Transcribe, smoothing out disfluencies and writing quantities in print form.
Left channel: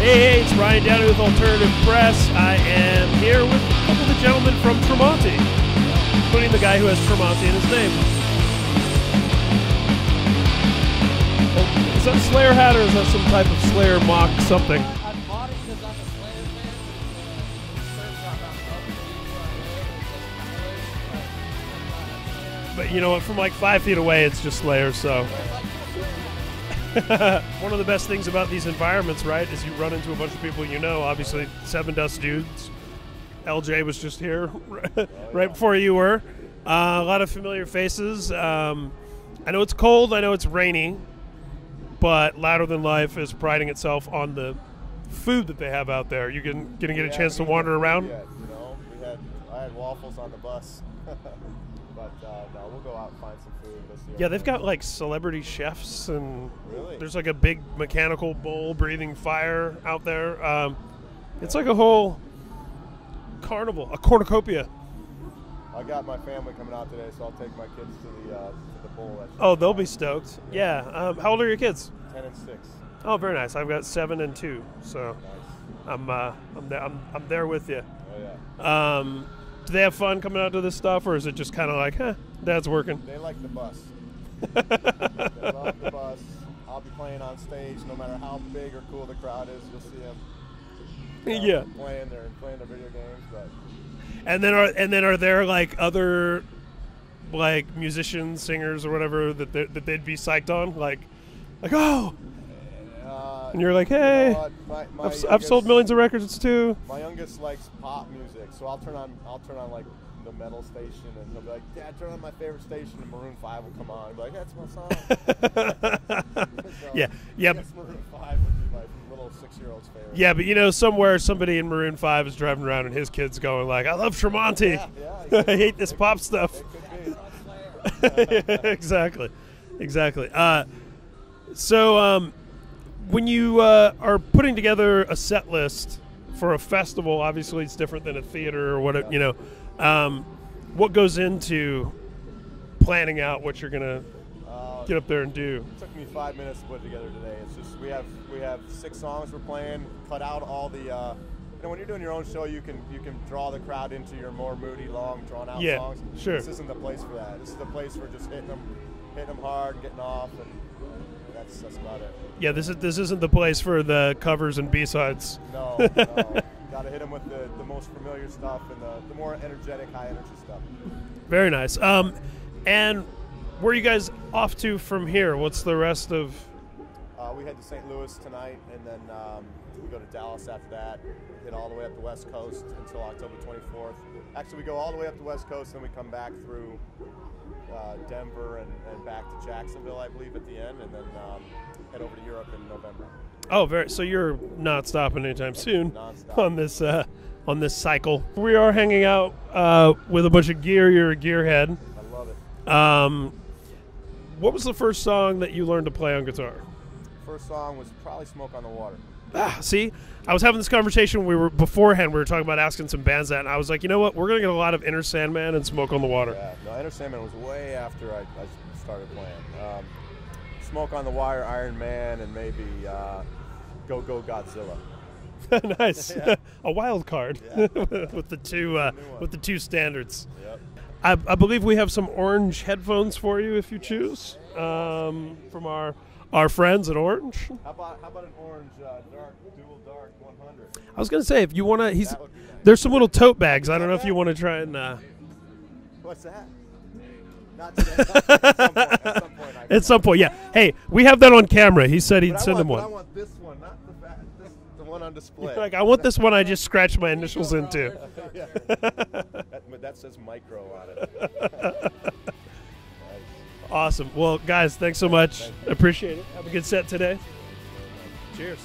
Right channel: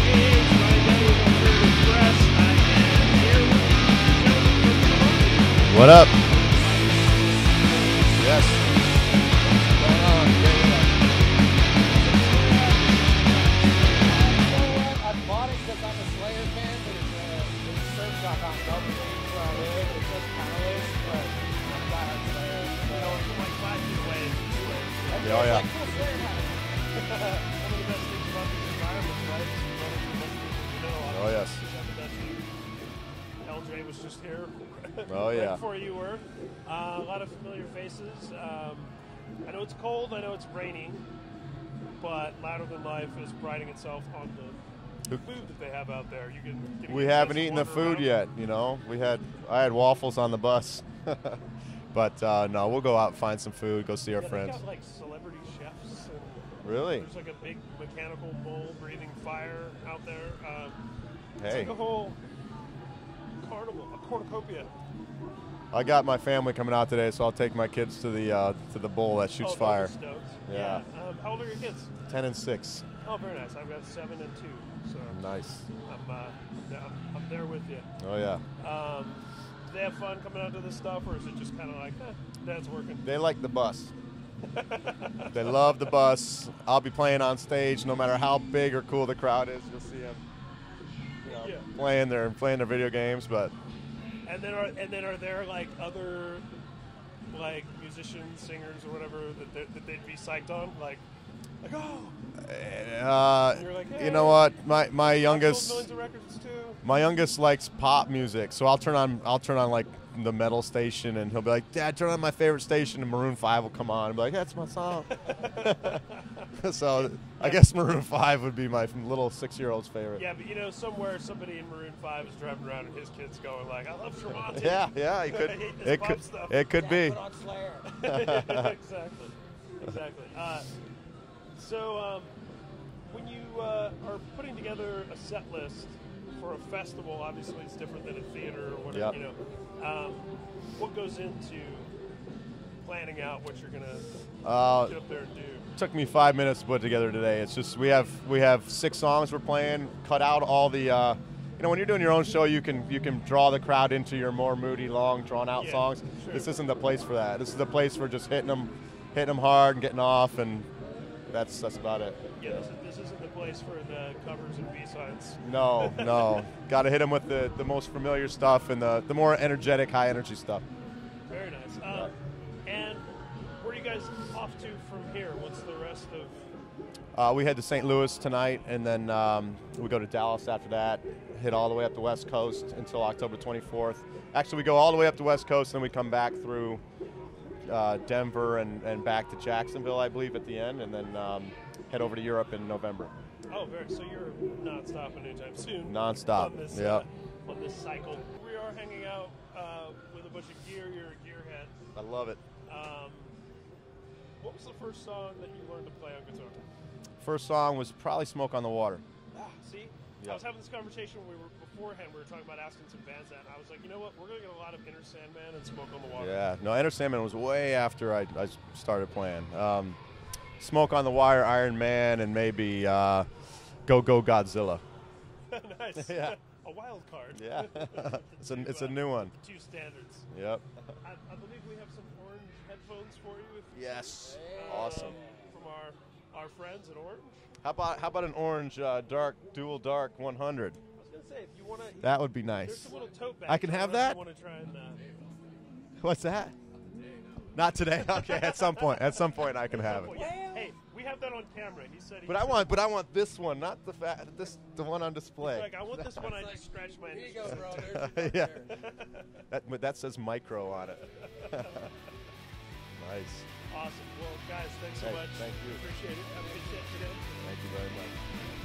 Hey, it's Ryan Downey with Alternative Press. I am here with the gentleman from Tremonti. What up? Including the guy who has Tremonti in his name. Yes. Is that a Slayer hat or is that some type of Slayer mock something? But you know what, from like 5 feet away, it's just Slayer, so. Oh, yeah. One of the best things about these environments, right, is you run into a bunch of people you know. Obviously, Oh, yeah. Seven Dust Dudes. LJ was just here Oh, right yeah. before you were. A lot of familiar faces. I know it's cold. I know it's rainy. But Louder Than Life is priding itself on the food that they have out there. You getting We a chance haven't to eaten wander the food around? yet, you know. I had waffles on the bus. But no, we'll go out and find some food, go see our Yeah, friends. they've got like celebrity chefs and Really? there's like a big mechanical bull breathing fire out there. It's Hey. like a whole carnival, a cornucopia. I got my family coming out today, so I'll take my kids to the bull that shoots Oh, they'll fire. be stoked. Yeah. Yeah. How old are your kids? 10 and 6. Oh, very nice. I've got 7 and 2, so Nice. I'm there with you. Oh yeah. Do they have fun coming out to this stuff, or is it just kind of like, Dad's working? They like the bus. They love the bus. I'll be playing on stage, no matter how big or cool the crowd is. You'll see them. Yeah. Playing their video games, but And then are there like other like musicians, singers, or whatever that they'd be psyched on, like oh. And you're like, hey, you know what? My youngest, I've sold millions of records too. My youngest likes pop music, so I'll turn on like the metal station, and he'll be like, "Dad, turn on my favorite station," and Maroon 5 will come on, and be like, "That's my song." So Yeah. I guess Maroon 5 would be my little 6-year-old's favorite. Yeah, but you know, somewhere somebody in Maroon 5 is driving around, and his kid's going like, "I love Tremonti." Yeah. I hate this pop stuff. It could be. Exactly. So when you are putting together a set list for a festival, obviously it's different than a theater or whatever. Yeah. You know, what goes into planning out what you're gonna get up there and do? Took me 5 minutes to put together today. It's just we have 6 songs we're playing. Cut out all the. You know, when you're doing your own show, you can draw the crowd into your more moody, long, drawn-out songs. Sure. This isn't the place for that. This is the place for just hitting them hard, getting off, and that's about it. Yeah, this isn't the place for the covers and B-sides. No. Got to hit them with the most familiar stuff and the more energetic, high-energy stuff. Very nice. And where are you guys off to from here? What's the rest of? We head to St. Louis tonight, and then we go to Dallas after that. Hit all the way up the West Coast until October 24th. Actually, we go all the way up the West Coast, and then we come back through Denver and back to Jacksonville, I believe, at the end, and then head over to Europe in November. Oh, so you're not stopping anytime soon. Non-stop. On this Yeah. On this cycle. We are hanging out with a bunch of gear. You're a gearhead. I love it. What was the first song that you learned to play on guitar? First song was probably "Smoke on the Water." See, I was having this conversation. We were talking about asking some bands that, and I was like, you know what? We're gonna get a lot of Enter Sandman and Smoke on the Water. Yeah, no, Enter Sandman was way after I started playing. Smoke on the Wire, Iron Man, and maybe Go Go Godzilla. Nice, Yeah. A wild card Yeah. with the two It's a new one. with the two standards. Yep. I believe we have some orange headphones for you if you choose, Awesome. from our friends at Orange. How about an orange dual dark 100? I was gonna say if you wanna, That would be nice. there's some little tote bags. can I don't know have if you that? want to try and. What's that? Not today. Okay, at some point. At some point, I can At some have it. point, yeah. Hey, we have that on camera. He said he'd But send them But one. I want this one, not the one on display. Like, I want this one I just scratched my initials into. Yeah. But that says micro on it. Nice. Awesome. Well, guys, thanks so much. Thank you. Appreciate it. Have a good set today. Cheers.